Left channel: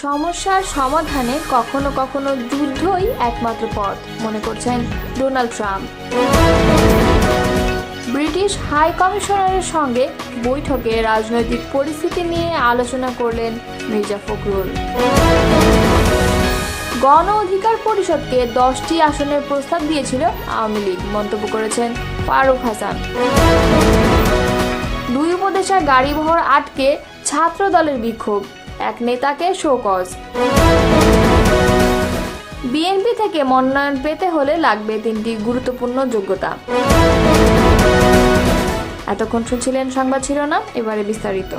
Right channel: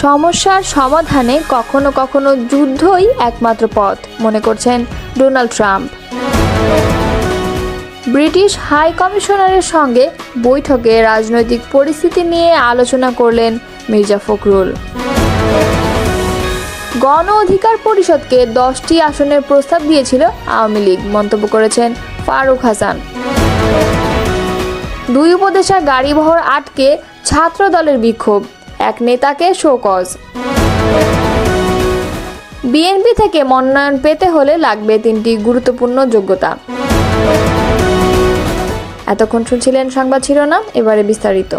সমস্যার সমাধানে কখনো কখনো যুদ্ধই একমাত্র পথ, মনে করছেন ডোনাল্ড ট্রাম্প। ব্রিটিশ হাই কমিশনারের সঙ্গে বৈঠকে রাজনৈতিক পরিস্থিতি নিয়ে আলোচনা করলেন মির্জা ফখরুল। গণ অধিকার পরিষদকে দশটি আসনের প্রস্তাব দিয়েছিল আওয়ামী লীগ, মন্তব্য করেছেন ফারুক হাসান। দুই উপদেশা গাড়িবহর আটকে ছাত্র দলের বিক্ষোভ। এক নেতাকে শোকজ। বিএনপি থেকে মনোনয়ন পেতে হলে লাগবে তিনটি গুরুত্বপূর্ণ যোগ্যতা। এতক্ষণ শুনছিলেন সংবাদ শিরোনাম, এবারে বিস্তারিত।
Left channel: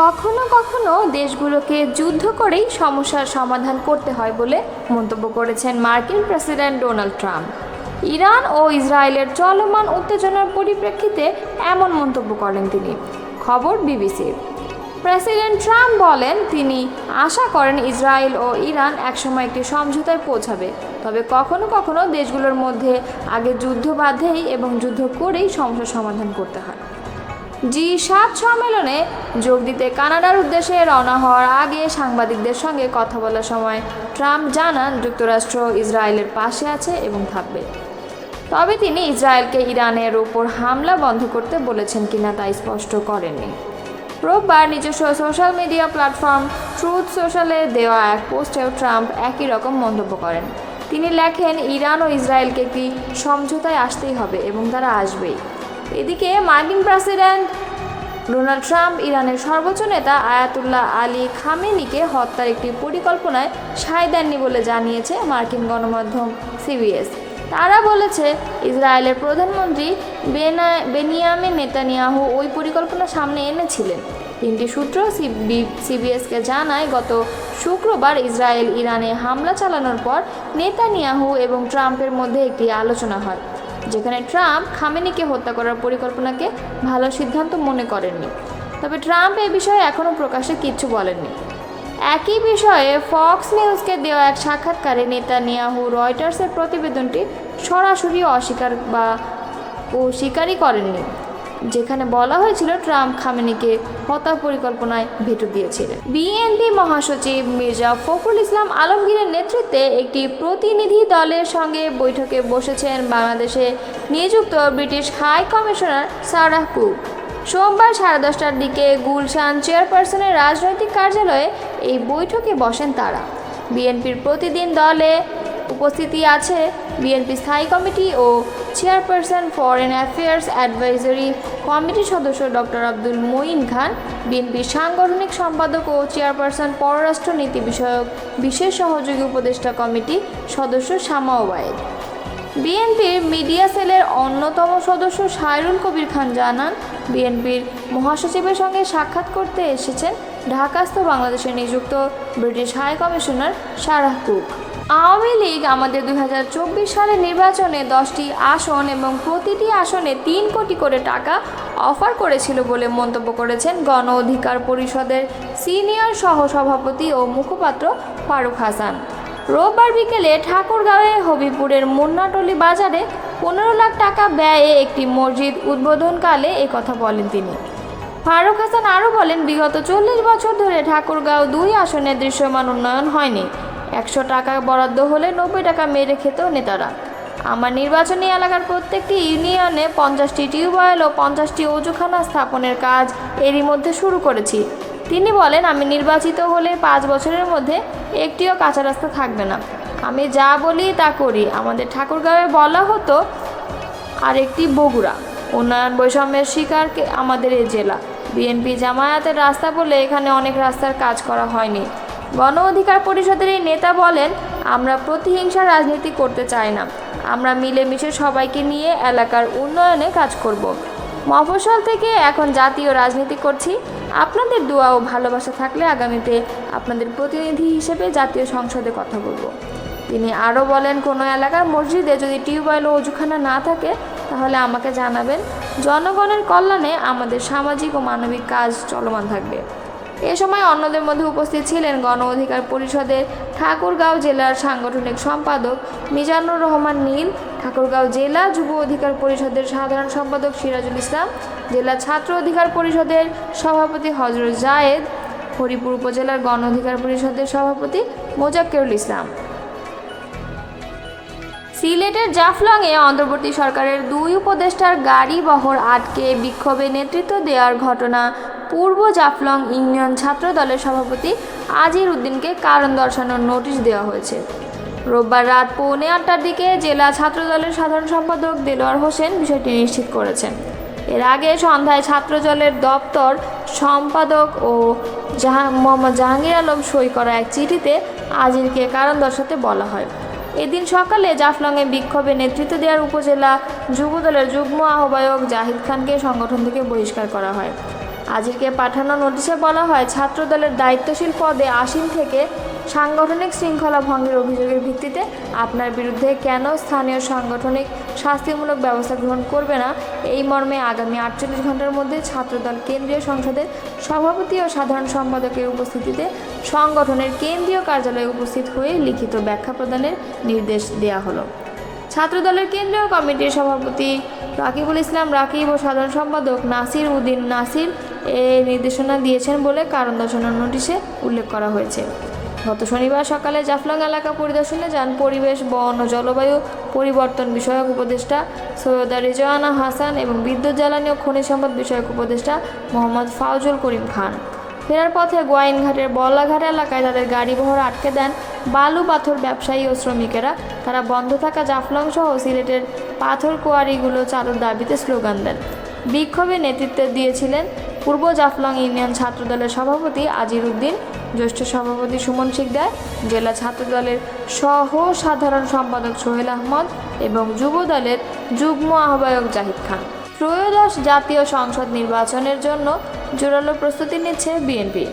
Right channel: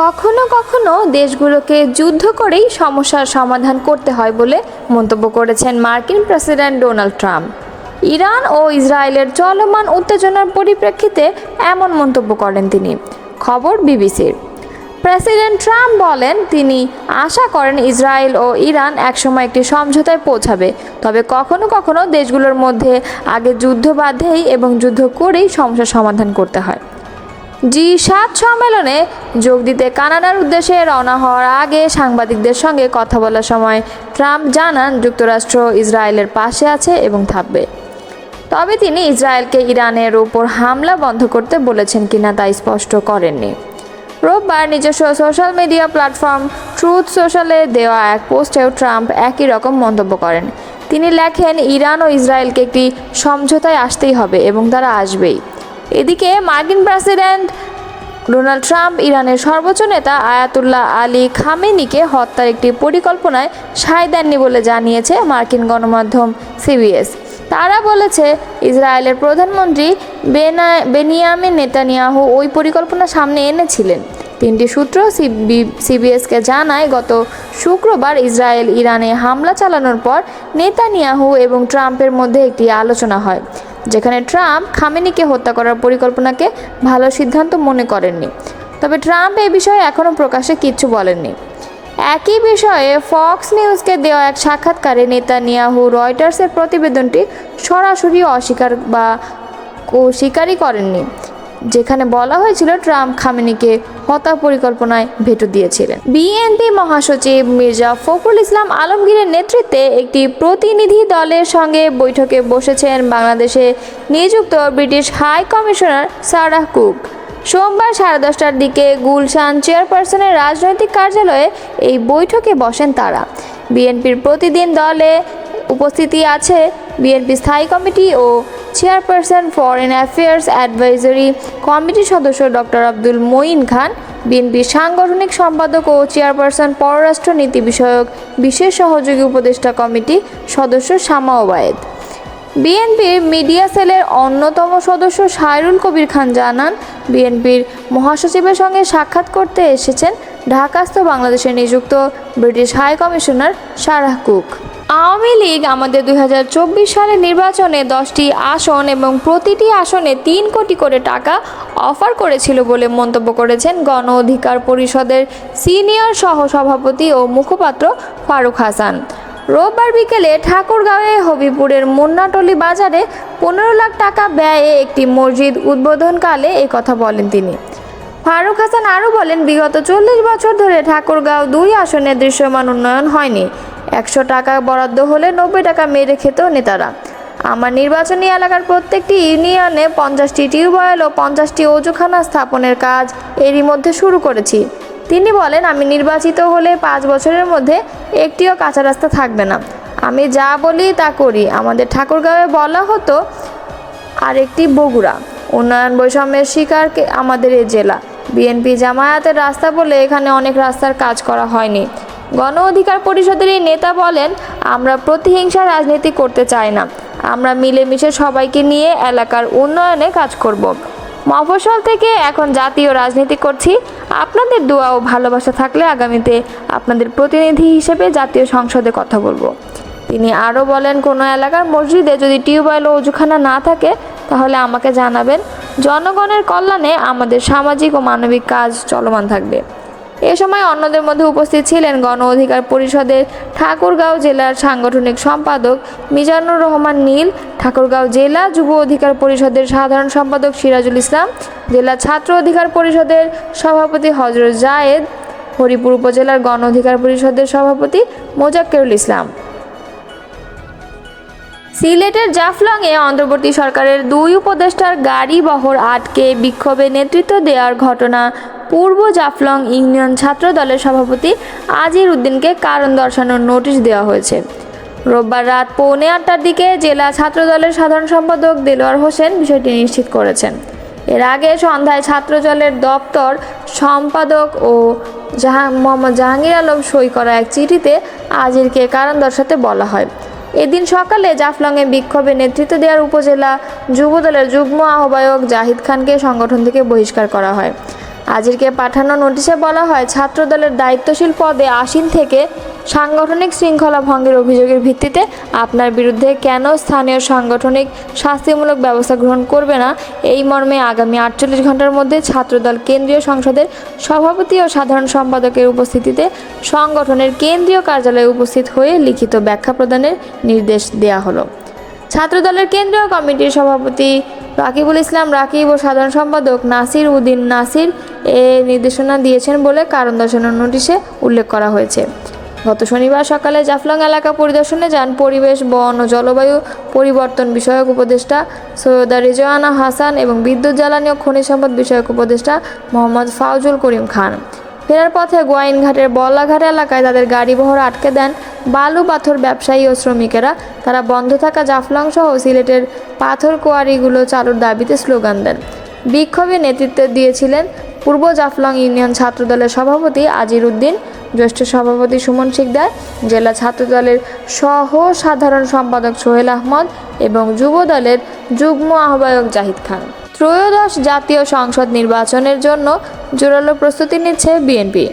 কখনো কখনো দেশগুলোকে যুদ্ধ করেই সমস্যার সমাধান করতে হয় বলে মন্তব্য করেছেন মার্কিন প্রেসিডেন্ট ডোনাল্ড ট্রাম্প। ইরান ও ইসরায়েলের চলমান উত্তেজনার পরিপ্রেক্ষিতে এমন মন্তব্য করেন তিনি। খবর বিবিসির। প্রেসিডেন্ট ট্রাম্প বলেন, তিনি আশা করেন ইসরায়েল ও ইরান একসময় একটি সমঝোতায় পৌঁছাবে। তবে কখনো কখনো দেশগুলোর মধ্যে আগে যুদ্ধ বাঁধেই এবং যুদ্ধ করেই সমস্যার সমাধান করতে হয়। জি সাত সম্মেলনে যোগ দিতে কানাডার উদ্দেশ্যে রওনা হওয়ার আগে সাংবাদিকদের সঙ্গে কথা বলার সময় ট্রাম্প জানান, যুক্তরাষ্ট্র ইসরায়েলের পাশে আছে এবং থাকবে। তবে তিনি ইসরায়েলকে ইরানের ওপর হামলা বন্ধ করতে বলেছেন কিনা তা স্পষ্ট করেননি। রোববার নিজস্ব সোশ্যাল মিডিয়া প্ল্যাটফর্ম ট্রুথ সোশ্যালে দেওয়া এক পোস্টেও ট্রাম্প একই রকম মন্তব্য করেন। তিনি লেখেন, ইরান ও ইসরায়েলকে একটি সমঝোতায় আসতেই হবে এবং তারা আসবেই। এদিকে মার্কিন প্রেসিডেন্ট ডোনাল্ড ট্রাম্প ইরানের সর্বোচ্চ নেতা আয়াতুল্লাহ আলী খামেনিকে হত্যার একটি পরিকল্পনায় সায় দেননি বলে জানিয়েছে মার্কিন গণমাধ্যম সিবিএস। তারা বলেছে, ইসরায়েলের প্রধানমন্ত্রী বেনা, বেনিয়ামিন নেতানিয়াহু ওই পরিকল্পনা সামনে এনেছিলেন। তিনটি সূত্র সিবিএসকে জানায়, গত শুক্রবার ইসরায়েল ইরানে হামলা চালানোর পর নেতানিয়াহু এবং ট্রাম্পের মধ্যে একটি আলোচনা হয়, যেখানে ট্রাম্প খামেনিকে হত্যা করার পরিকল্পনাকে ভালো সিদ্ধান্ত মনে করেননি। তবে ট্রাম্প এ বিষয়ে এখনও প্রকাশ্যে কিচ্ছু বলেননি। একই বিষয়ে ফক্স নিউজকে দেওয়া এক সাক্ষাৎকারে নেতানিয়াহু রয়টার্সের প্রতিবেদনটি সরাসরি অস্বীকার বা স্বীকারই করেননি, যেখানে বলা হয়েছিল ট্রাম্প খামেনিকে হত্যা পরিকল্পনায় ভেটো দিয়েছিলেন। বিএনপি মহাসচিব মির্জা ফখরুল ইসলাম আলমগীরের নেতৃত্বে একটি প্রতিনিধি দলের সঙ্গে বৈঠকে বসেছেন বাংলাদেশে নিযুক্ত British high commissioner Sarah Cook. সোমবার সাড়ে দশটার দিকে গুলশান চেয়ারপারসনের রাজনৈতিক কার্যালয়ে এই বৈঠকে বসেন তারা। বিএনপির প্রতিদিন দলে উপস্থিতি আছে বিএনপি স্থায়ী কমিটি ও চেয়ারপারসন ফরেন অ্যাফেয়ার্স অ্যাডভাইজারি কমিটির সদস্য ডক্টর আব্দুল মঈন খান, বিএনপির সাংগঠনিক সম্পাদক ও চেয়ারপারসন পররাষ্ট্র নীতি বিষয়ক বিশেষ সহযোগী উপদেষ্টা কমিটি সদস্য শামা ওবায়েদ। বিএনপির মিডিয়া সেলের অন্যতম সদস্য সাইরুল কবির খান জানান, বিএনপির মহাসচিবের সঙ্গে সাক্ষাৎ করতে এসেছেন ঢাকাস্থ বাংলাদেশে নিযুক্ত British high commissioner Sarah Cook. Awami League আমাদের দু হাজার চব্বিশ সালের নির্বাচনে দশটি আসন এবং প্রতিটি আসনে তিন কোটি করে টাকা অফার করেছিল বলে মন্তব্য করেছেন গণ অধিকার পরিষদের সিনিয়র সহসভাপতি ও মুখপাত্র ফারুক হাসান। রোববার বিকেলে ঠাকুরগাঁওয়ে হবিপুরের মুন্নাটলি বাজারে পনেরো লাখ টাকা ব্যয়ে একটি মসজিদ উদ্বোধনকালে কথা বলেন তিনি। ফারুক হাসান আরও বলেন, বিগত চল্লিশ বছর ধরে ঠাকুরগাঁও দুই আসনে দৃশ্যমান উন্নয়ন হয়নি। একশো টাকা বরাদ্দ হলে নব্বই টাকা মেরে খেত নেতারা। আমার নির্বাচনী এলাকার প্রত্যেকটি ইউনিয়নে পঞ্চাশটি টিউবওয়েল ও পঞ্চাশটি অজুখানা স্থাপনের কাজ এরই মধ্যে শুরু করেছি। তিনি বলেন, আমি নির্বাচিত হলে পাঁচ বছরের মধ্যে একটিও কাঁচা রাস্তা থাকবে না। আমি যা বলি তা করি। আমাদের ঠাকুরগাঁওয়ে বলা হতো, আরেকটি বগুড়া। উন্নয়ন বৈষম্যের শিকারকে আমাদের এই জেলা। বিএনপি জামায়াতের রাস্তা বলে এখানে অনেক রাস্তার কাজ করা হয়নি। গণ অধিকার পরিষদের এই নেতা বলেন, আমরা প্রতিহিংসা রাজনীতি করতে চাই না। আমরা মিলেমিশে সবাইকে নিয়ে এলাকার উন্নয়নে কাজ করব। মফস্বল থেকে এখন জাতীয় রাজনীতি করছি। আপনাদের দোয়া ও ভালোবাসা থাকলে আগামীতে আপনাদের প্রতিনিধি হিসেবে জাতীয় সংসদে কথা বলব। তিনি আরও বলেন, কোনো এলাকার মসজিদে যদি টিউবওয়েল ও অজুখানা না থাকে, তাহলে আমাকে জানাবেন। জনগণের কল্যাণে আমাদের সামাজিক ও মানবিক কাজ চলমান থাকবে। এ সময় অন্যদের মধ্যে উপস্থিত ছিলেন গণ অধিকার পরিষদের ঠাকুরগাঁও জেলার সাংগঠনিক সম্পাদক মিজানুর রহমান নীল, ঠাকুরগাঁও জেলা যুব অধিকার পরিষদের সাধারণ সম্পাদক সিরাজুল ইসলাম, জেলা ছাত্র অধিকার পরিষদের সভাপতি হজরত জায়েদ, হরিপুর উপজেলার গণ অধিকার পরিষদের সভাপতি মোজাক্কেরুল ইসলাম। সিলেটের জাফলংয়ে অন্তর্বর্তী সরকারের দুই উপদেষ্টার গাড়ি বহর আটকে বিক্ষোভে নেতৃত্ব দেওয়ার ঘটনা পূর্ব জাফলং ইউনিয়ন ছাত্র দলের সভাপতি আজির উদ্দিনকে কারণ দর্শানোর নোটিশ দেওয়া হয়েছে। রোববার রাত পৌনে আটটার দিকে জেলা ছাত্র দলের সাধারণ সম্পাদক দেলোয়ার হোসেন বিষয়টি নিশ্চিত করেছেন। এর আগে সন্ধ্যায় ছাত্র দলের দপ্তর সম্পাদক ও জাহাং, মোহাম্মদ জাহাঙ্গীর আলম সই করা এক চিঠিতে আজিরকে কারণ দর্শাতে বলা হয়। এদিন সকালে জাফলংয়ে বিক্ষোভে নেতৃত্ব দেওয়ার উপজেলা যুবদলের যুগ্ম আহ্বায়ক জাহিদ খানকে সংগঠন থেকে বহিষ্কার করা হয়। আজিরকে পাঠানো নোটিশে বলা হয়, ছাত্রদলের দায়িত্বশীল পদে আসীন থেকে সাংগঠনিক শৃঙ্খলা ভঙ্গের অভিযোগের ভিত্তিতে আপনার বিরুদ্ধে কেন স্থানীয় সাংগঠনিক শাস্তিমূলক ব্যবস্থা গ্রহণ করবে না? এই মর্মে আগামী আটচল্লিশ ঘণ্টার মধ্যে ছাত্রদল কেন্দ্রীয় সংসদের সভাপতি ও সাধারণ সম্পাদকের উপস্থিতিতে সংগঠনের কেন্দ্রীয় কার্যালয়ে উপস্থিত হয়ে লিখিত ব্যাখ্যা প্রদানের নির্দেশ দেওয়া হলো। ছাত্রদলের কেন্দ্রীয় কমিটির সভাপতি রাকিবুল ইসলাম, রাকিব ও সাধারণ সম্পাদক নাসির উদ্দিন নাসির এ নির্দেশনা দিয়েছেন বলে কারণ দর্শানোর নোটিশে উল্লেখ করা হয়েছে। গত শনিবার সকালে জাফলং এলাকা পরিদর্শনে যান পরিবেশ, বন ও জলবায়ু পরিবর্তন বিষয়ক উপদেষ্টা সৈয়দা রিজওয়ানা হাসান এবং বিদ্যুৎ জ্বালানি ও খনিজ সম্পদ বিষয়ক উপদেষ্টা মোহাম্মদ ফাউজুল করিম খান। ফেরার পথে গোয়াইনঘাটের বল্লাঘাট এলাকায় তাদের গাড়ি বহর আটকে দেন বালু পাথর ব্যবসায়ী ও শ্রমিকেরা। তারা বন্ধ থাকা জাফলং সহ সিলেটের পাথর কোয়ারিগুলো চালুর দাবিতে স্লোগান দেন। বিক্ষোভে নেতৃত্ব দিয়েছিলেন পূর্ব জাফলং ইউনিয়ন ছাত্রদলের সভাপতি আজির উদ্দিন, জ্যেষ্ঠ সভাপতি সুমন শিকদার, জেলা ছাত্রদলের সহ সাধারণ সম্পাদক সোহেল আহমদ এবং যুব দলের যুগ্ম আহ্বায়ক জাহিদ খান। ত্রয়োদশ জাতীয় সংসদ নির্বাচনের জন্য জোরালো প্রস্তুতি নিচ্ছে বিএনপি।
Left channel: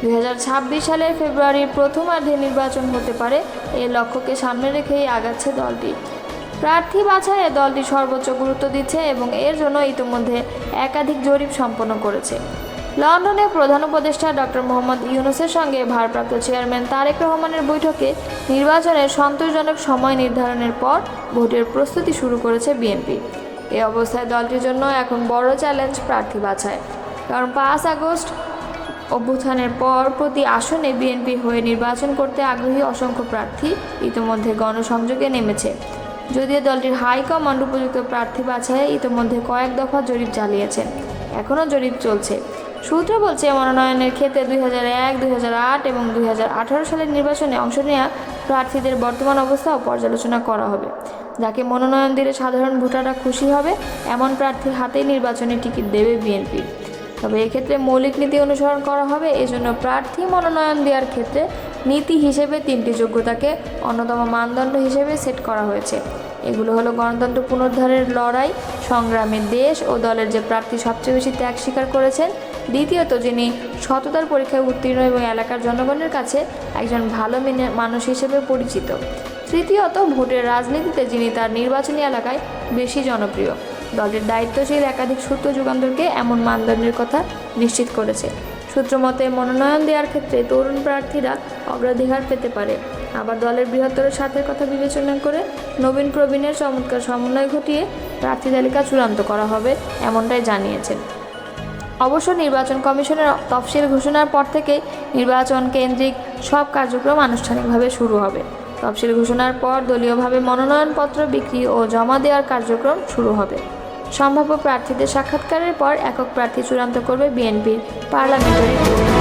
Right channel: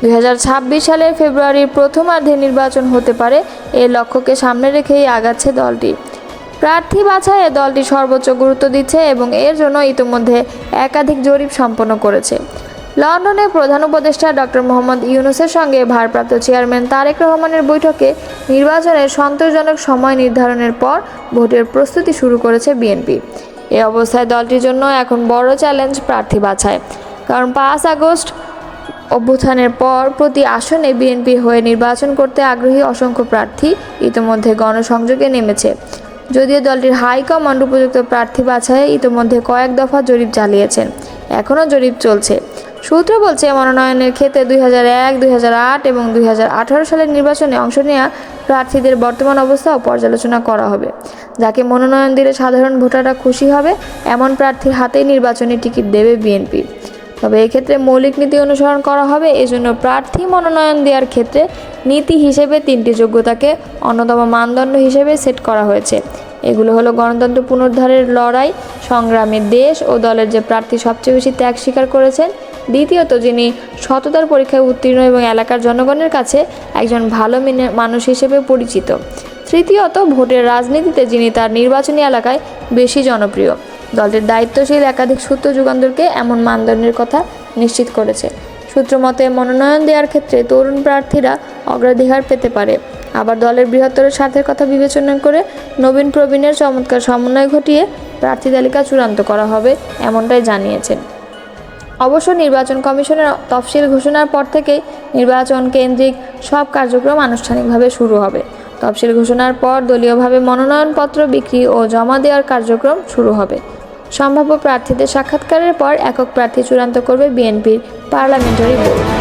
দুই হাজার ছাব্বিশ সালের ফেব্রুয়ারির প্রথমার্ধে নির্বাচন হতে পারে এই লক্ষ্যকে সামনে রেখেই আগাচ্ছে দলটি। প্রার্থী বাছাইয়ে দলটি সর্বোচ্চ গুরুত্ব দিচ্ছে এবং এর জন্য ইতিমধ্যে একাধিক জরিপ সম্পন্ন করেছে। লন্ডনে প্রধান উপদেষ্টা ডক্টর মোহাম্মদ ইউনুসের সঙ্গে ভারপ্রাপ্ত চেয়ারম্যান তারেক রহমানের বৈঠকে নির্বাচনের সন্তোষজনক সময় নির্ধারণের পর ভোটের প্রস্তুতি শুরু করেছে বিএনপি। এই অবস্থায় দলটির জন্য এখন বড় চ্যালেঞ্জ প্রার্থী বাছায় কারণ পাঁচ আগস্ট অভ্যুত্থানের পর প্রতি আসনে বিএনপি হয়ে নির্বাচন করতে আগ্রহী অসংখ্য প্রার্থী ইতিমধ্যে গণসংযোগে নেমেছে। যদিও দলটির হাইকমান্ড উপযুক্ত প্রার্থী বাছাই ইতিমধ্যে কয়েক দফা জরিপ চালিয়েছেন। এখনও জরিপ চলছে। সূত্র বলছে, মনোনয়নের ক্ষেত্রে দুই হাজার এক, দুই হাজার আট এবং দুই হাজার আঠারো সালের নির্বাচনে অংশ নেওয়া প্রার্থীদের বর্তমান অবস্থাও পর্যালোচনা করা হবে। যাকে মনোনয়ন দিলে সাধারণ ভোটাররা খুশি হবে, এমন প্রার্থীর হাতেই নির্বাচনী টিকিট দেবে বিএনপি। তবে এক্ষেত্রে মৌলিক নীতি অনুসরণ করা হবে, এজন্য প্রার্থী মনোনয়ন দেওয়ার ক্ষেত্রে নীতি হিসেবে তিনটি যোগ্যতাকে অন্যতম মানদণ্ড হিসেবে সেট করা হয়েছে। এগুলো হলো গণতন্ত্র পুনরুদ্ধারের লড়াই সংগ্রামে দেশ ও দলের যে প্রার্থী সবচেয়ে বেশি ত্যাগ স্বীকার করেছেন, দ্বিতীয়ত যিনি সততার পরীক্ষায় উত্তীর্ণ এবং এলাকার জনগণের কাছে একজন ভালো মিনে- মানুষ হিসেবে পরিচিত। তৃতীয়ত, ভোটের রাজনীতিতে যিনি তার নির্বাচনী এলাকায় বেশি জনপ্রিয়। দলের দায়িত্বশীল একাধিক সূত্র যুগান্তরকে এমন মানদণ্ডের কথা নিশ্চিত করেছে। সূত্র মতে, মনোনয়ন দেওয়ার ক্ষেত্রে তরুণ প্রার্থীরা অগ্রাধিকার পেতে পারে। আবার দলের বৃহত্তর স্বার্থের কথা বিবেচনা করে নবীন প্রবীণের চমৎকার সমন্বয় ঘটিয়ে প্রার্থী তালিকা চূড়ান্ত করা হবে, এমনটাই জানিয়েছেন। অবশ্য নির্বাচন কমিশনের তফসিল ঘোষণার পর থেকে নির্বাচন কেন্দ্রিক সব কার্যক্রম আনুষ্ঠানিকভাবে শুরু হবে। তফসিল ঘোষণার পর দলীয়ভাবে মনোনয়নপত্র বিক্রি ও জমা দেওয়ার কার্যক্রম শুরু হবে। সম্ভাব্য প্রার্থীদের সাক্ষাৎকারের পর একক প্রার্থী চূড়ান্ত করবে বিএনপির পার্লামেন্টারি বোর্ড।